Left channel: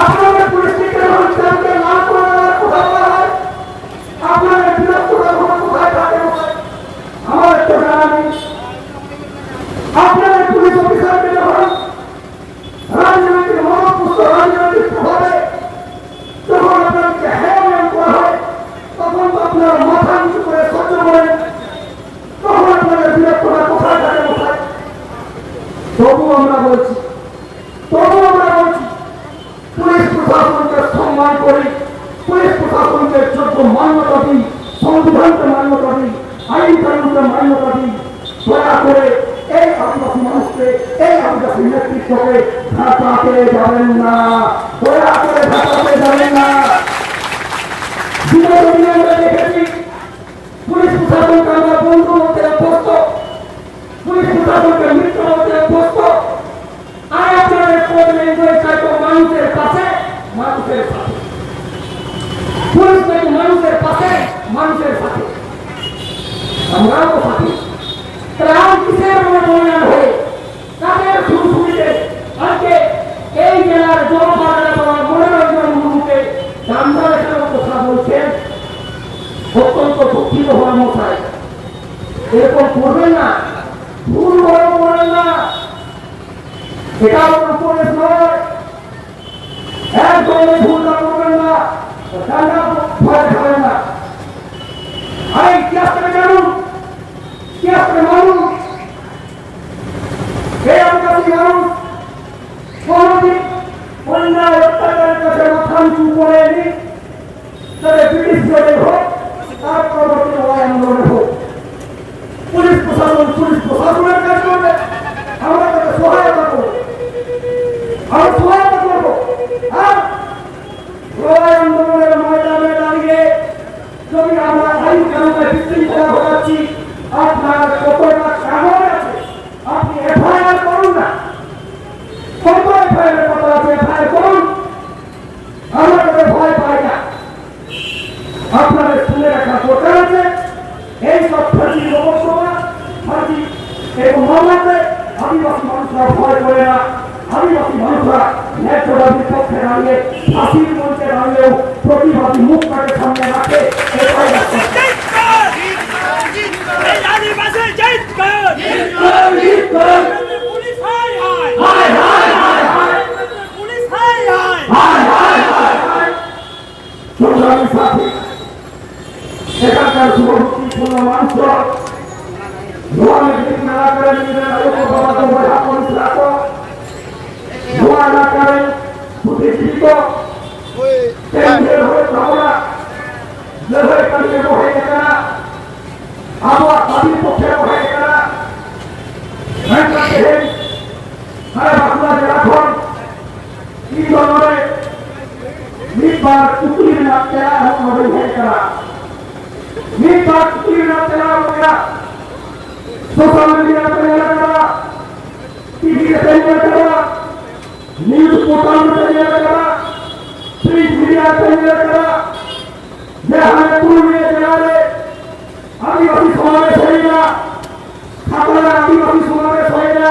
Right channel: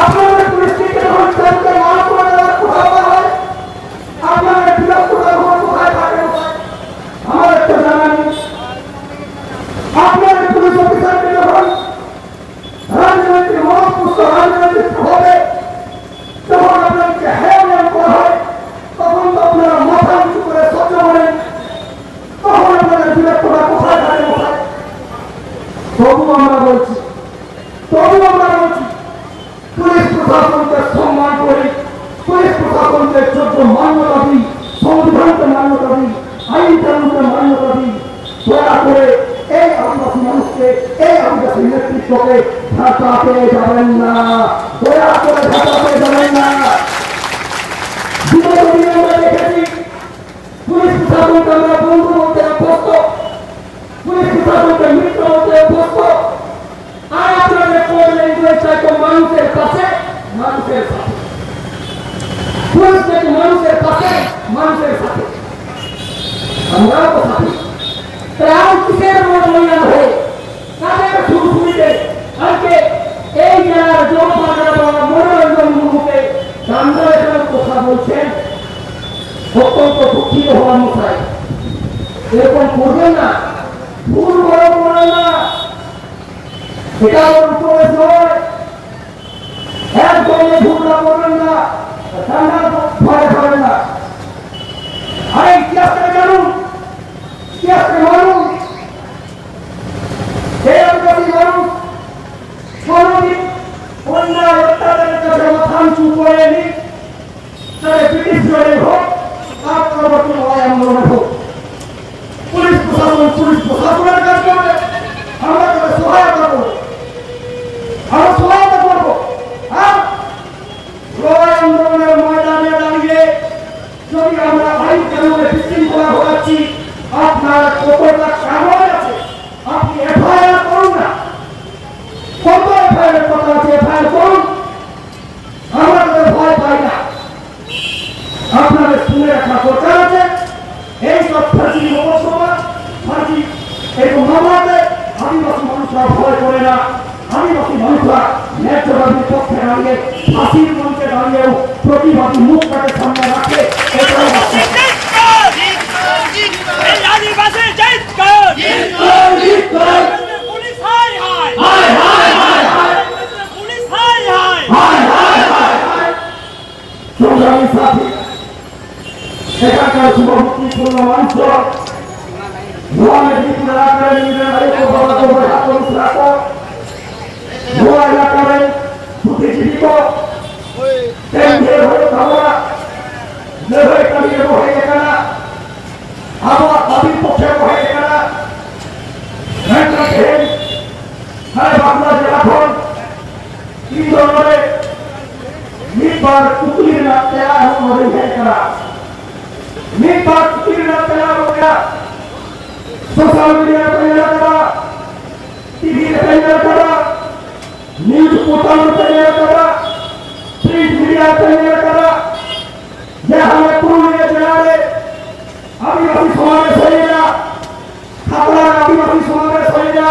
আপনাদের পরিস্থিতি জানতে না করে কোথায় হয়, আপনাদের বিরোধ করার কোথায় থাকে আমার তো জানা নেই। আপনাদের পুলিশ অফিসারকে যখন রাজনৈতিক মহাপুষ্ট রাজনৈতিক প্রভাবে যখন আপনাদেরকে হেয়মান করা হয়, তখন তো আপনারা মাথা নিচু করে সহ্য করেন। তখন আপনাদের বিরোধ করা কোথায় থাকে কোথায়? তবু আমরা বলছি পুলিশ প্রশাসনকে সম্মান করি, পুলিশ প্রশাসনকে যোগ্য মান্যতা দিই, সংবিধানকে মান্যতা দিই, আইন কানুনকে মান্যতা দিই। দয়া করে এই আদিবাসী মানুষকে, এই আদিবাসী নেতৃত্বকে ঢাকাতে যাবেন না, দয়া করে ঢাকাতে যাবেন না। বিগত দিনে আমরা দেখেছি পুলিশ প্রশাসনকে আমরা বন্ধু বলতে অভ্যস্ত, পুলিশ প্রশাসনকে মিত্র বলতে অভ্যস্ত। আর আপনাদের কোড ল্যাঙ্গুয়েজ চাইতো মানুষের পাশে, মানুষের সাথে। পুলিশ চাইতো মানুষের পাশে, মানুষের সাথে। আমরাও তো সাথে। তারাও কিসের মনোনয়ন হয়ে তাদের সুবিধে আজকে এই জেলার জনপাড়া মনোরঞ্জন মুহূর্তে গান্ধারের কথা বলছেন। অত্যন্ত দুঃখিত হওয়ার মশাই, এরকম করবেন না, ভুল বড় করবেন না। এটা উপরে নয়, একদমই ভুলটা করবেন না, ঠান্ডা ভয় খাবেন না। আরে ইতিহাসকে জানুন, ইতিহাসকে মানুষ, এই আদিবাসী মানুষ কোনদিন অন্যায় অত্যাচারের কাছে মাথা নিচু করেনি। তাহলে ব্রিটিশ জনের হোক, তার পরবর্তী আন্দোলনের হোক, পুলিশ প্রশাসনের কাজ করবে, আমরা তাদের সহায়তা করবো, আমরা সহায়তা করবো। আর লড়াই আন্দোলনের ময়দানে দাঁড়িয়ে যদি আমরা আইন কানুনে বিশৃঙ্খলা ঘটাচ্ছি, আপনার কতটা কাগজ আছে আপনি এফআইআর করুন না। কত এফআইআর এর কথা আছে, এফআইআর করুন, আমরা তাদের ভয় পাই না। আপনাদের শুনে রাখা দরকার আছে, এই সব ফাঁসি লোকসভা ফাঁসি এবং মামলাতে আদিবাসী মানুষরা ভয় করে না। আদিবাসী মানুষরা ন্যায্যবাদীর পক্ষে দাঁড়িয়ে ফাঁসির মঞ্চে দাঁড়িয়েও প্রতিবাদী মুখটাকে সামনে রাখে। এটাই এখানকার শুভমুক্তিপূর্ণ মানুষ বুদ্ধিজীবিত আবহাওয়া আদির পক্ষে হয়ে গেলা বাংলাদেশ এখন ইন্দোরে নির্বার কুকুরের না তেলা হয়ে গেলা, নির্বার কুকুরের না তেলা हो गया। सोशल मीडिया पे तैयार करा, टीवी पे तैयार करा, न्यूज पोर्टल में तैयार करा, प्रिंट मीडिया पे तैयार करा। ये हमें पूरे जिले आदिवासी समावेश होएगा, खातरा आदिवासी समावेश होएगा।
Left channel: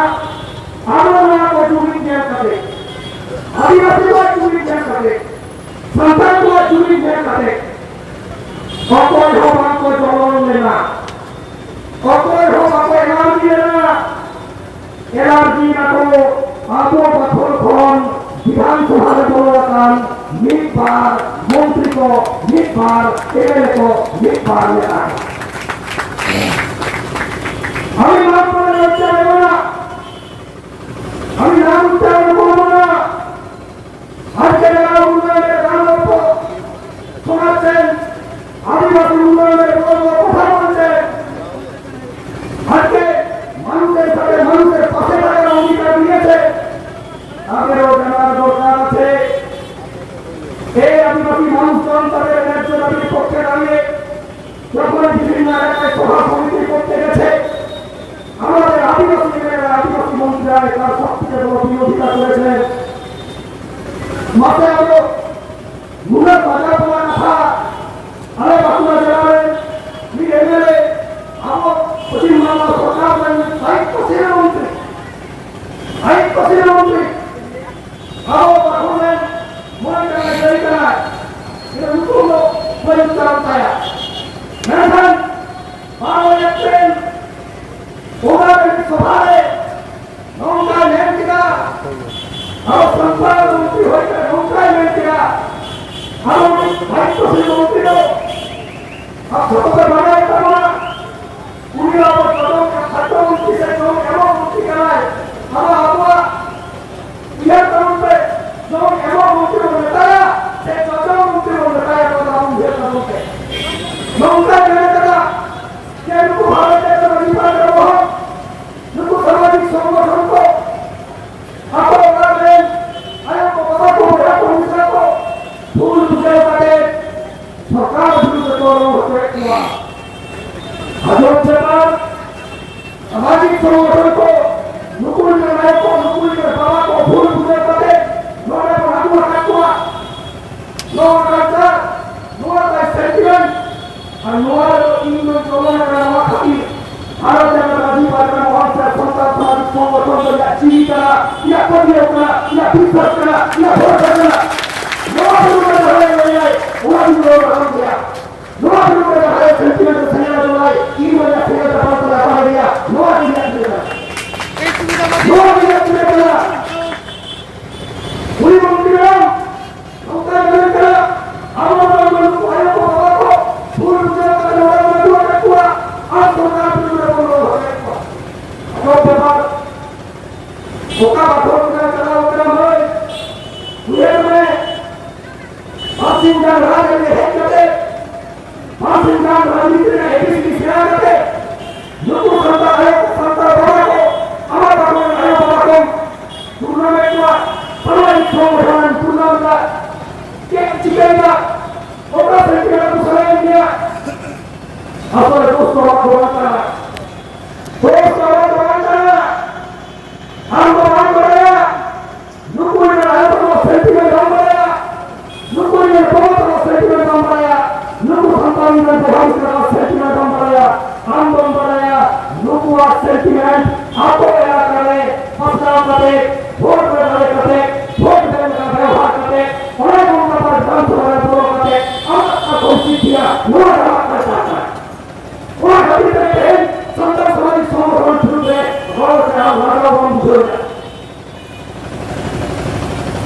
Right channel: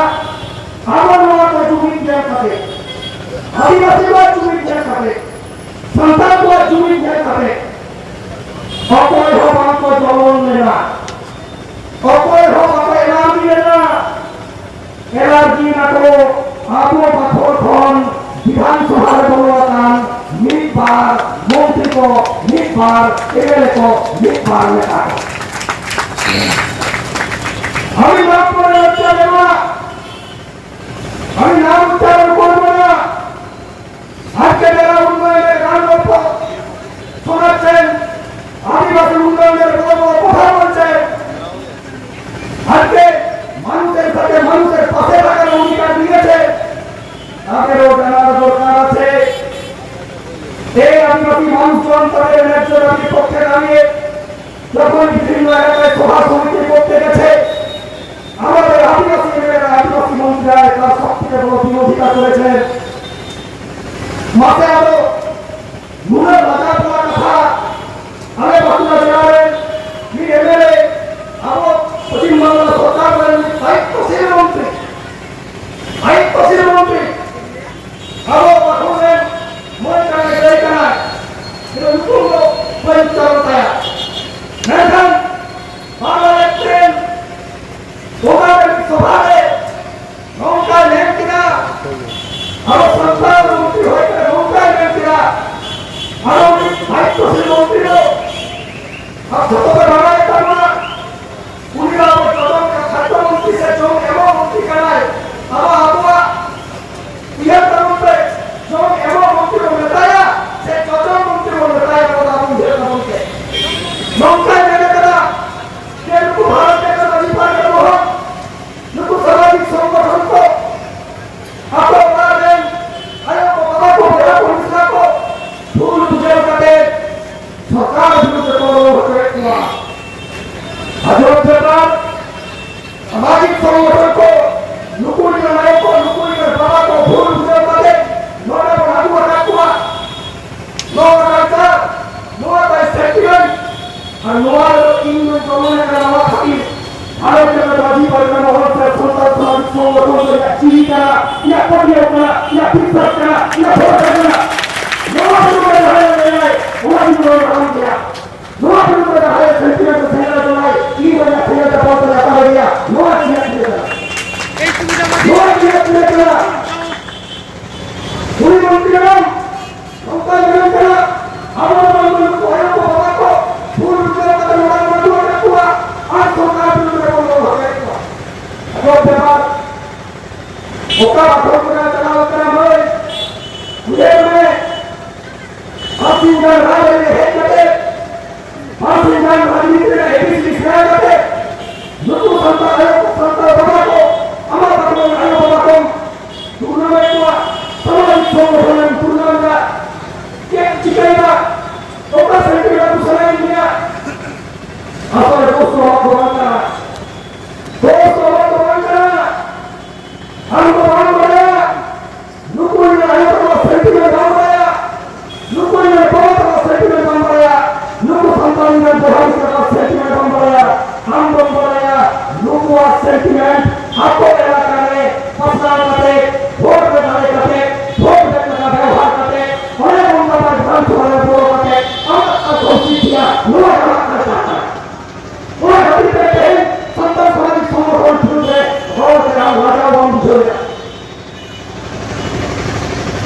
आदिवासी को जुबिन क्या करे, आदिवासी को जुबिन क्या करे, संतान को जुबिन क्या करे। অকয় হোক আমাকে জলন দেনা, অকয় হোক আমাকে এলার্জি দেনা, এলার্জি না তো আবু পাথর খন বিধানসভার বলবান নির্বার মন্ত্রী को নির্বার এমএলএ को নির্বার নেতা। আমি নাম করে হত্যা দেব না, আমি নাম উচ্চারণ করবো না। আজকে যারা উন্নয়নের গান শোনাচ্ছেন, আদিবাসী উন্নয়নের বড় বড় কথা বলছেন, আজকে মানুষের সাথে মানুষের পাশে থাকার অঙ্গীকার দিয়েছে, তাদেরও জানার দরকার আছে। এই আদিবাসী মানুষজন তাদের ন্যায্য দাবির পক্ষে দাঁড়িয়ে যখন বিভিন্ন এলাকায় সভা সমিতি করতে গেছে, আমাদের আদিবাসী এলাকার আদিবাসী মন্ত্রীরা তার সবথেকে বড় বিরোধিতা করেছেন। মাথায় আরো মূলত বাজার বলা কথা हमें बांग्ला जिले एमएलए अब पश्चिम बांगला सरकार दायित्वशील मंत्री अब स्वभावे नौका लेन किया और संसार मंत्री होकर नौका लेन किया और दायित्व से मंत्री हो और छोटो का बड़ा एक तरह उन्हीं आप छोटो का खाद्य मंत्री से जो एवं मंत्री कराए अब आपका यह तरह पे जो एवं मंत्री को बताया से छोटो मंत्री को बताया वो आप मुझे बताओगे नौका लेने करा कि उनको भारत के अधिकार करो नुकु सामाजिक संगठन को आपको बता दें आयो को पता को मेरा पुलिस को फूल पूजा करते सरकार विरुद्ध को होते हुआ हजरत सरकार सामाजिक संगठन को नुकुल के नायक को नुकुल के बाबा को फूल पूजा करते नोड़ा बनादुआ काटुआ नोड़ा करता नोड़ा का सेंटिमेंट और नोड़ा इन दोनों का नवा खातिर भारत जनता पार्टी का बहुत से संस्था सामाजिक संगठन या चीनी का या पतियों का या विपक्ष का या भोट का नोआ बिल्कुल है वो बिल्कुल हो गया नोआ बिल्कुल है सेंटिमेंट से सेना जो है ई वजह से दबाव पर आ गया नोआ दिया पूरी मंत्रियों उनका निर्णय करा हमारे लोगों को आयो को बता को फूल उजला का नोड़ा बना का पूरा आज सरकार ओका भोगना चलाओ क्रम है पूरे में आपकी जान राज में है करते आपकी जान राजनीति में है दिखा करते लोगों संता आयोग संता बाबा को हमारा भगवान आयोग बाबा को टूर्नामेंट हुआ सामाजिक संगठन टूर्नामेंट का केक चिकन का ओका सेंटर का दूसरा इंडिया अपने दोस्तों को बताना हमको काम कराया नुकुल में रहे तो सेंटी में काम कराया नुकुल में बहुत का सेंटी में काम कराया नुकुल संतान में बहुत का सेंटी में काम कराया हम काम कराया नुकुल सेंटीमेंट आपको क्या करे अपना करे वोट में डाले करते वोट देने का व्यवहार करते और उनका पर डांस वाले बोलो करते अब कोशिश किया वो करता है वो कभी तक संतान समाज संगठन शुरू है बहुत से हम लगा बंद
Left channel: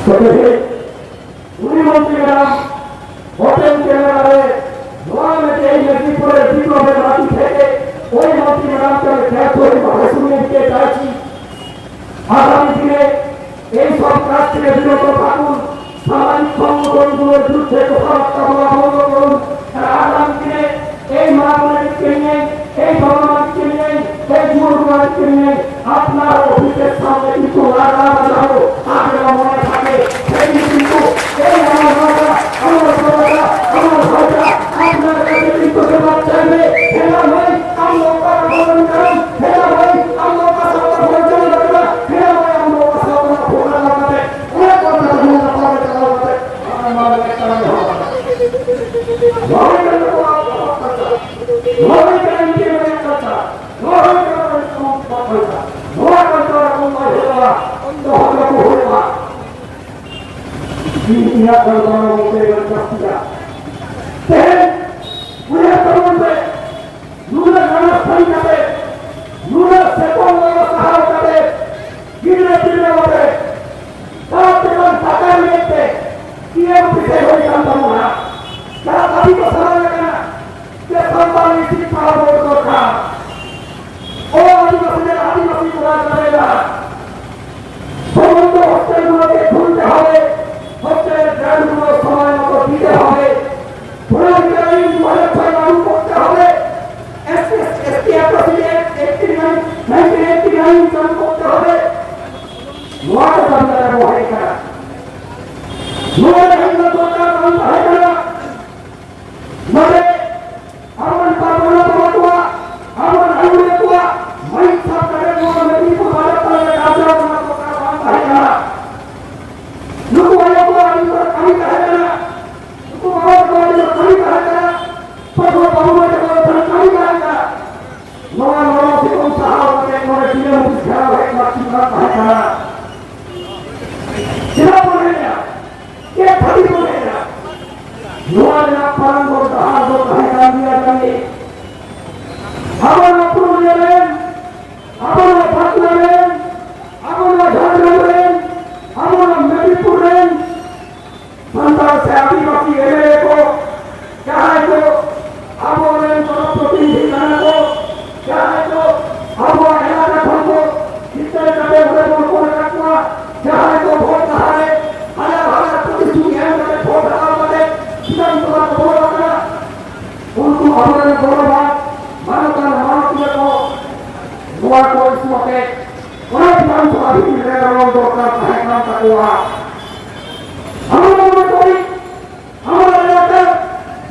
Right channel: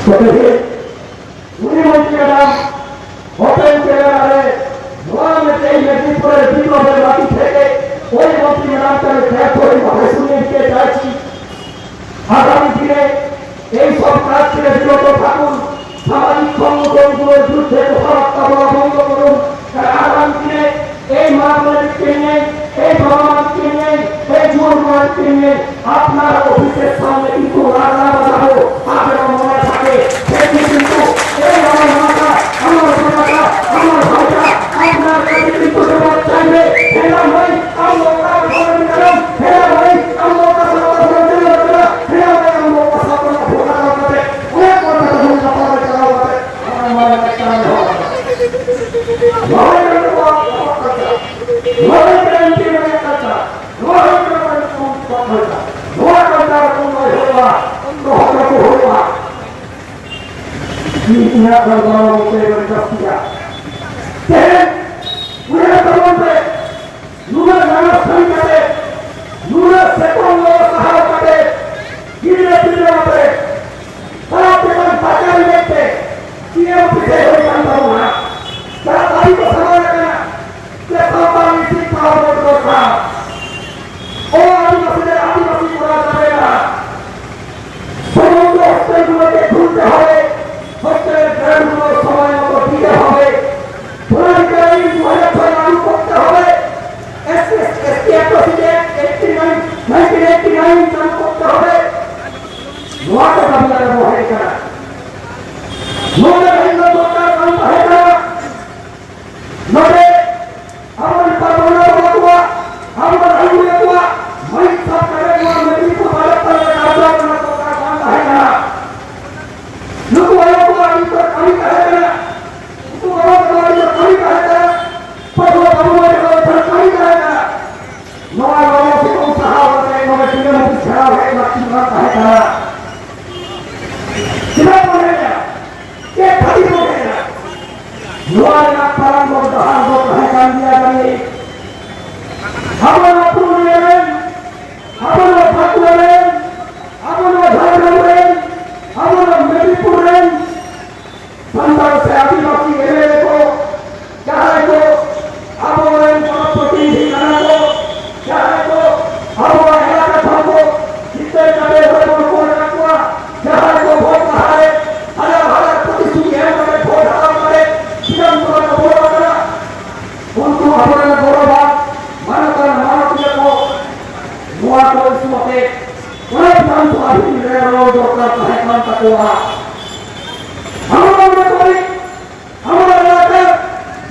कहते उन्हीं मंत्री का नाम होटल के वाले वहां में कई नदी पूरे दीपों में बाकी थे कोई मंत्री का नाम चले थे कोई भाषा सुनने के चाची आगामी दिने एक सब काज के दिनों को ठाकुर सामाजिक संगठन को जुटे को फरक का बोलो बोलो आगामी दिने एक मामले के लिए एक भवन के लिए एक जुर्म के लिए अपना ऑफिस के सामने इनको लगा बजाओ आगे मने থাকে সেই কিন্তু এই আমরা আমরা আপনার কাছে কিন্তু সেবা চাইলে হেলা ভাই আমরা ভ্রমণ করেন হেলা ভাই আমরা ভ্রমণ করেন হেলা ভাই আমরা ভ্রমণ করতে ওই কথা বলতে পারে তারা বলে আমার একটা ভাই Ingat kalau saya berkata, then we have to wonder, nuna nama sekali kata, nuna sekon nama sahara kata, gila gila kata, tapi kan sakal lekte, dia bisa berikan tamuha, cara tadi bersama dengan, dia sampai isi tahu berdosa, oh adi masih kurang saya, sebelum hostel dua tekun dehale. হচ্ছে গ্রামগুলো সময় মতো দিতে হবে পুনর্গ্রামী 2006 লাগু করতে হবে ST act 1989 চালু করতে হবে নোয়াটা দাবিদার বহে করা নোয়াটা হিন্দু সরকার বন্ধ হয়ে করা নবে আমার পারমাণবিক বলকুয়া আমার আইনুয়া মই সরকারের নদী को भारत का काबजा करना সরকার বন্ধ হয়ে করা लोग वाले को अभी पर कमी कहे करा तो बहुत बड़ी कमी कहे करा पर वो बाबू ने कहा पर कमी कहे करा नवा नवा से कौन सा होता है नवा चीज़ में कुछ खराब है बाकी बात कहे करा कितना बोलेगा ये खाली बोलेगा नवा ना पालन को कहा वो कहे कर दिया जाए हमारा पूर्ण लेवल हमारा Buat orang semua teh, orang orang tua ini orang dokter kahitna takwa. Hamba mereka, hamba mereka,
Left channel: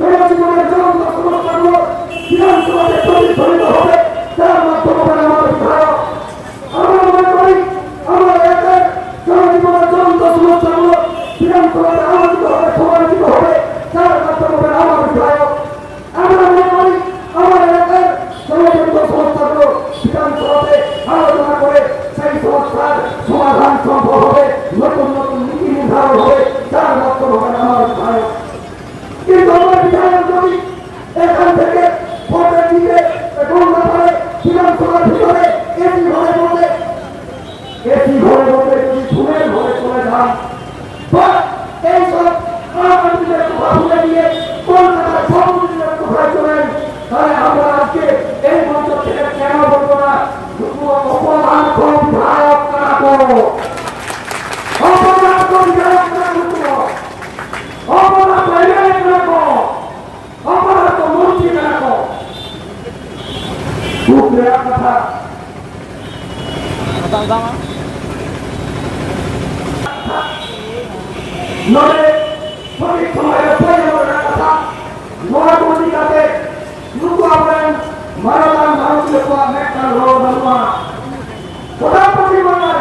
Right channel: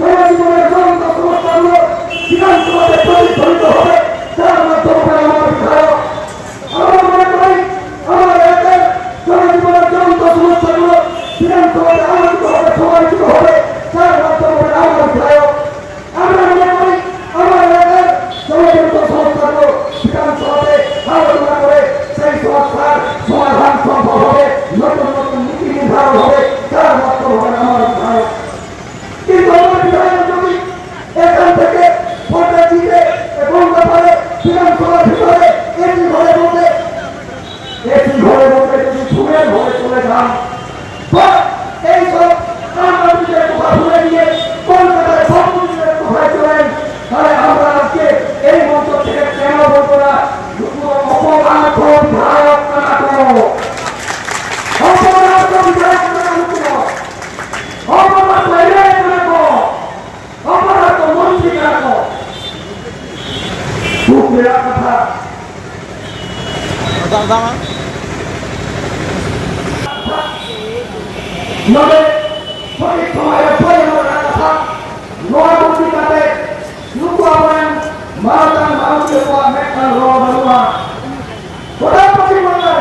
mereka semua orang tak semua tahu, tidak semua terpilih terpilih, jangan terpilih orang berkara. Hamba mereka, mereka semua orang tak semua tahu, tidak semua orang terpilih, jangan terpilih orang berkara. Hamba mereka, সমাধান সম্ভব হবে, নতুন নতুন নীতি নির্ধারণ হবে, যার মাধ্যমে হবে আমার বিধায়ক। কিন্তু আমার বিধায়ক যদি এখান থেকে ভোটে জিতে বলতে পারে বিধানসভার ভিতরে এসি ঘরে বসে যদি ঘুমের ঘরে চলে যান, এই সব রাজনীতির কথা ভুলে গিয়ে কলকাতার সর্বনীতির কোথায় চলেন, তাহলে আমরা আজকে এই মঞ্চ থেকে কেন বলবো না অপমান বিধায়ক কারা করো, অপমান বিধায়ক কারা অপমান বিধায়ক কারা অপরাধ মন্ত্রী কারা খুব মেরা কথা। নলে সঠিক সময়ের পরিমাণের কথা নয় পত্রিকাতে লুকুয়া বলেন মানবান মানুষকে পাওয়া মেঘান রোগ মানুয়া প্রধানমন্ত্রী বললেন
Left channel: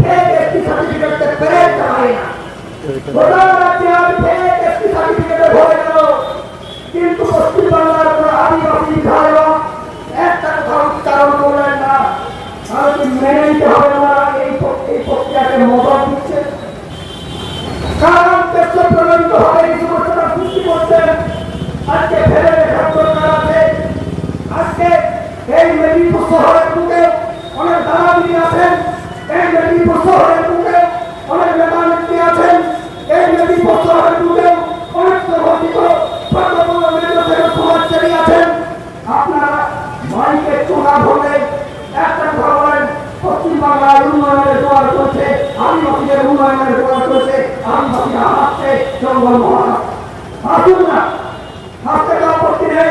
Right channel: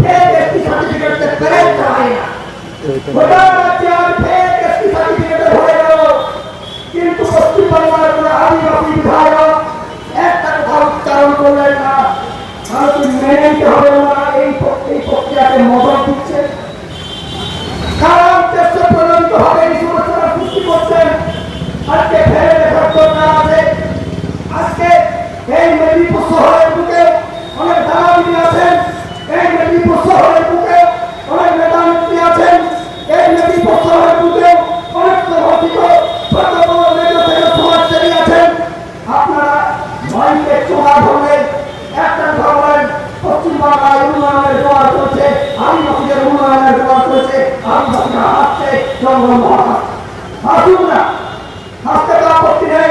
ফেক এসটি সার্টিফিকেটে পেরেন্ট হয় না, গোটা রাজ্যে আর ফেক এসটি সার্টিফিকেটে হয়ে গেল, কিন্তু পশ্চিমবাংলার কোনো আদিবাসী বিধায়ক একটা কথা উচ্চারণ করলেন না। ভারত মেনে নিতে হবে ওরা এই প্রক্রিয়াকে মদত দিচ্ছে, কারা উদ্দেশ্য প্রণোদিত হবে এই সমস্যাটা সৃষ্টি করছেন। আজকে ফেলে দেখার দরকার আছে। আজকে এই মেদিনীপুর শহরের বুকে অনেক দালালি আছেন, এই মেদিনীপুর শহরের বুকে অনেক নেতা নেত্রী আছেন, এই মেদিনীপুর শহরের বুকে অনেক সমর্থিত ছোট বড় নেতা থেকে সমাজসেবী আছেন। আপনারা মাইকে চোখা ধরলে একটা ধরলেন পশ্চিমবাংলায় উন্নয়নের জোয়ার চলছে, আদিবাসীদের উন্নয়নের জোয়ার চলছে, আদিবাসীরা হাসছে, জঙ্গল মহাকাশ হাসুন না, হাসতে কোনো আপত্তি নেই।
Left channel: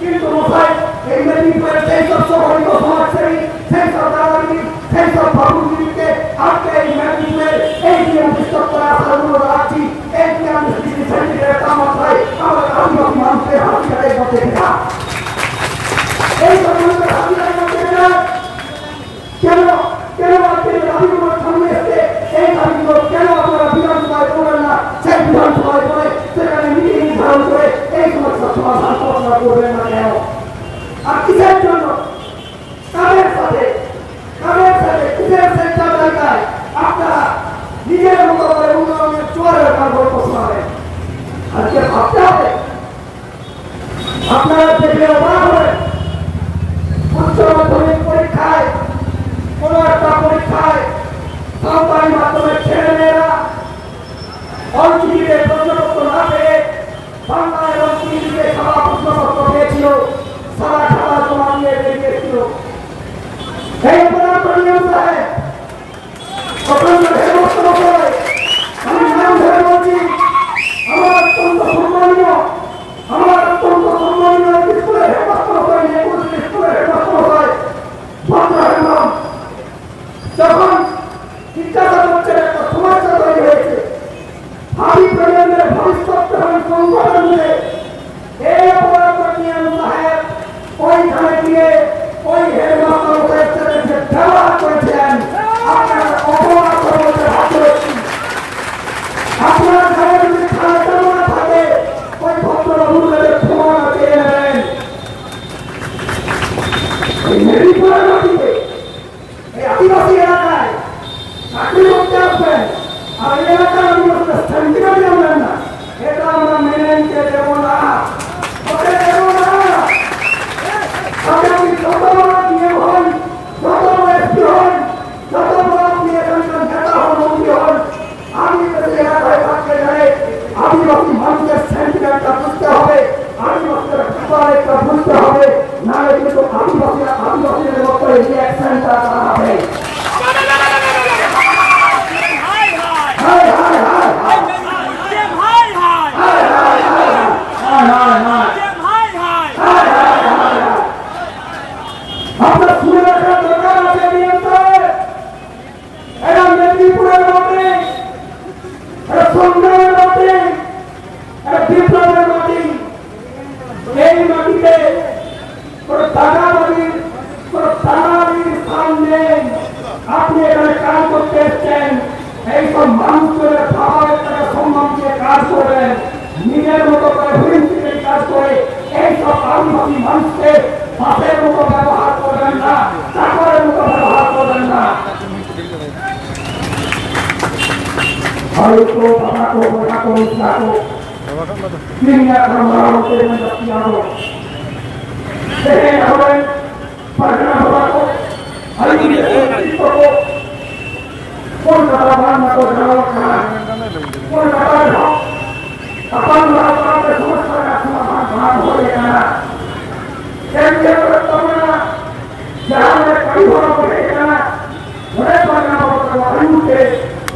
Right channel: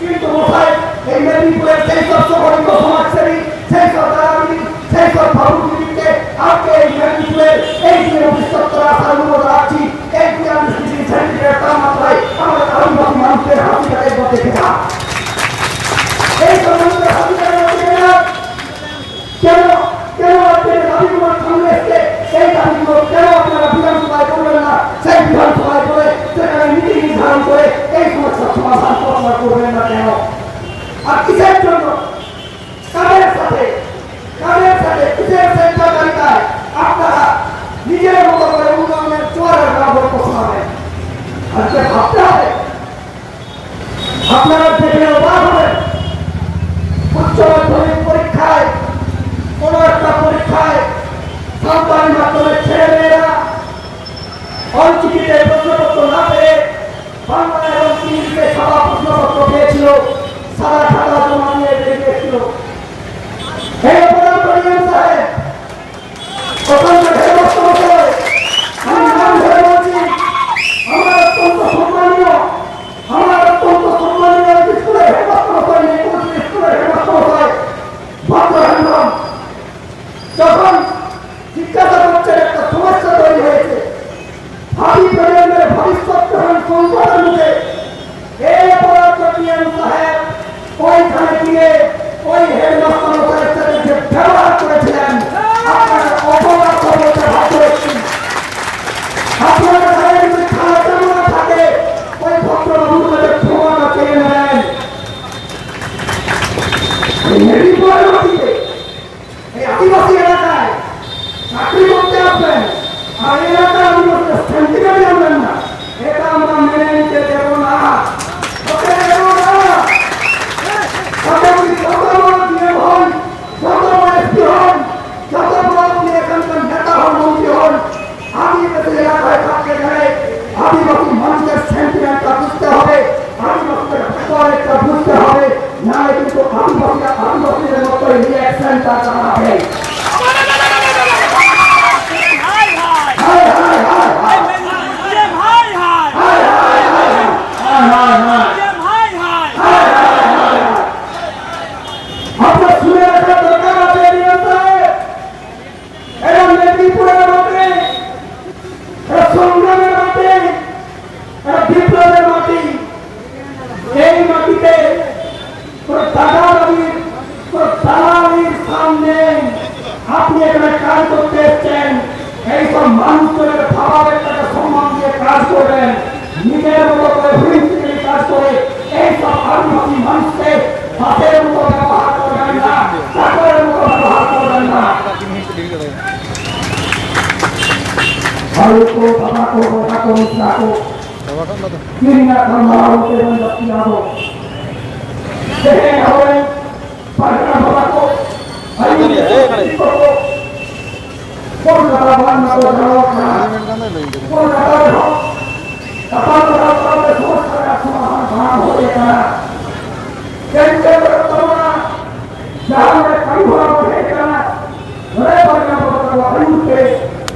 কিন্তু মশাই এই মেদিনীপুরের সেই সব সংগঠিত সমাজসেবী, সেই সব দালালি, সেই সব ভাবুকে আজকে এই মেদিনীপুরের এই যে অভিষেক্তরা আসার অনুরোধ রাখছি, এই যে আমি সার্টিফিকেট তাপমাত্রায় আমাদের আদিবাসী মানুষের হাসিটাকে দেখে না, এই সব মানুষের হাসিটাকে দেখে না। কেন কেন আপনাদের দাবিগুলোর সামনে এসে সেই দাবিগুলো কেন আপনারা বিধানসভায় করলেন না, সেই বিধানসভায় করে সেখানে নীতি নির্ধারণ করে এই সমস্যার সমাধান আপনারা করবেন না কেন? আর কিসের জন্য, কাদের সাথে কিসের সেন্টার তালিকায় আপনারা নিজের মতো করে উন্নয়নের চোয়ারের গল্প শোনাবেন? আজকে ভাবতে হবে, আপনারা দেখলে অবাক হবেন। উচ্চ মাধ্যমিক পরীক্ষায় কোন একটা পরীক্ষায় সরকারি মাধ্যমে ছেলেমেয়েরা অঞ্চলিতে প্রশ্নপত্র না পেয়ে বাংলা এবং ইংরেজিতে সাদা প্রশ্নপত্র পেয়েছিল, সাদা খাতা জমা দিয়ে বেরিয়েছিল। এই অপরাধ সাহেব অত্যন্ত আমি নাম ধরে বলছি, আমার অত্যন্ত সম্মানীয় স্কুলের হেডমাস্টার স্কুলের হেডমাস্টার ভদ্রহান্ডম যখন জিজ্ঞাসা করছেন একটা সমস্যা তৈরি হয়েছে, ভাবি প্রজন্মের ভবিষ্যৎ যখন সংকটের মুখে, এই অপরাধ সাহেব ওইখানে গিয়ে ওই হেডমাস্টার সাহেবের সাথে যে ব্যবহার করেছিলেন, আপনাকে অপরাধ বলতে বাধ্য হচ্ছি। আপনার ঘরে যদি খাওয়া তেমন থাকে ওই ভদ্রবাবুকে ক্ষমা চেয়ে নেবেন। মেদিনীপুরের মাটিতে এই আদিবাসী এলাকায় চাকরি করতে আসবেন আর এই এলাকার আদিবাসীরা সেন্টিমেন্ট জানবেন না, এটা আমরা মেনে নিতে দেব না, ওকে দেব না। আপনি যত বড় ডিএম হন, যত বড় এসপি হন, যত বড় আপনি এখানকার নেতা হন, মন্ত্রী হন, আদিবাসী এলাকায় থাকতে গেলে আদিবাসী মানুষের সেন্টিমেন্টটা বুঝতে হবে, আদিবাসীদের ব্যাপারটা বুঝতে হবে, নাহলে কিন্তু আদিবাসীদের মতো রিঅ্যাকশনটা করা হবে। আপনার শুনে মানুষের খাবারের টাকা সম্মান দিয়ে কাজ করবেন, নিজের মতো করে হুইল কাজ করে এইসব আদিবাসী মানুষকে হাতের মতো ব্যবহার করবেন না, চাকরের মতো ব্যবহার করবেন না। ভারত বাবা को बता को इसला को दुनिया का मारो के में बच्चियां को देखे हमारे पढ़ना बाबा को को कोलकाता बांध को जाओ खाना कोलकाता में हो अपन बाबा का सोच कर समाधान कहां हो गया कैसे तमना जहां में कई बार हो गया घरे पढ़ना बाबा का अंत के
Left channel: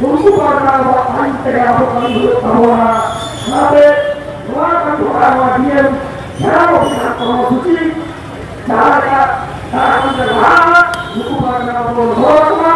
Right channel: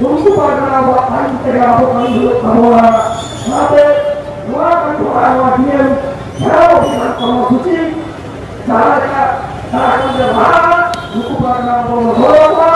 उनको पढ़ना बाबा अंत के आपको अंत होना साथे दुआ का थोड़ा हुआ दिए क्या वो करो सुची चार का चार को जगह उनको पढ़ना बाबा होगा